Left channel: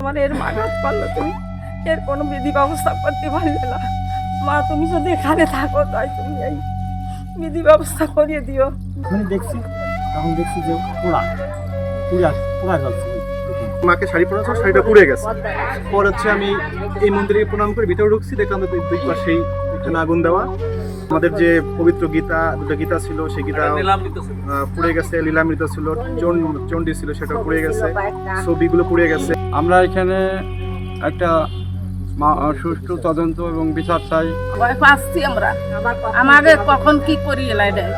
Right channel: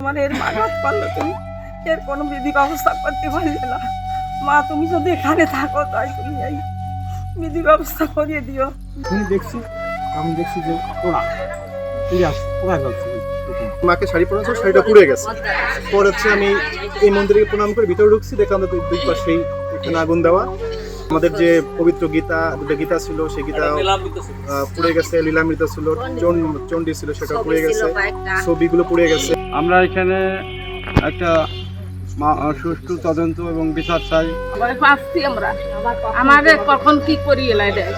আমার এর মানত পারল তুমি এর কোনো বিধি ব্যবস্থা করতে পারলে না। মা তুমি যদি এখানে থাকো তাই তুমি এই বিধি ব্যবস্থা করিয়ে দিও। দেখছি আমি দেখছি যে পোড়া পুরা পোড়া যাচ্ছে মাকে শাড়ি পরা শাড়িটা পুড়ে গেছে। পর হচ্ছে আমি এই মন্দিরে প্রণাম করে ভিতরে ঢুকছি দেখলাম দুই পাশেই এখানে আগুন দেওয়া। আমাদের যে পবিত্র গীতা দুটো গীতা ছিল সেই গীতা পুড়ে গেছে লীলামৃত ছিল চন্ড- চণ্ডী ছিল সেটা পুড়ে গেছে ছবিগুলো পুড়ে গেছে। আমরা এখানে একটা মা- সুষ্ঠু তদন্ত এবং বিচার চাই। পাচ্ছি আমরা। আমাদের কখন কি করি এলাই দেয়।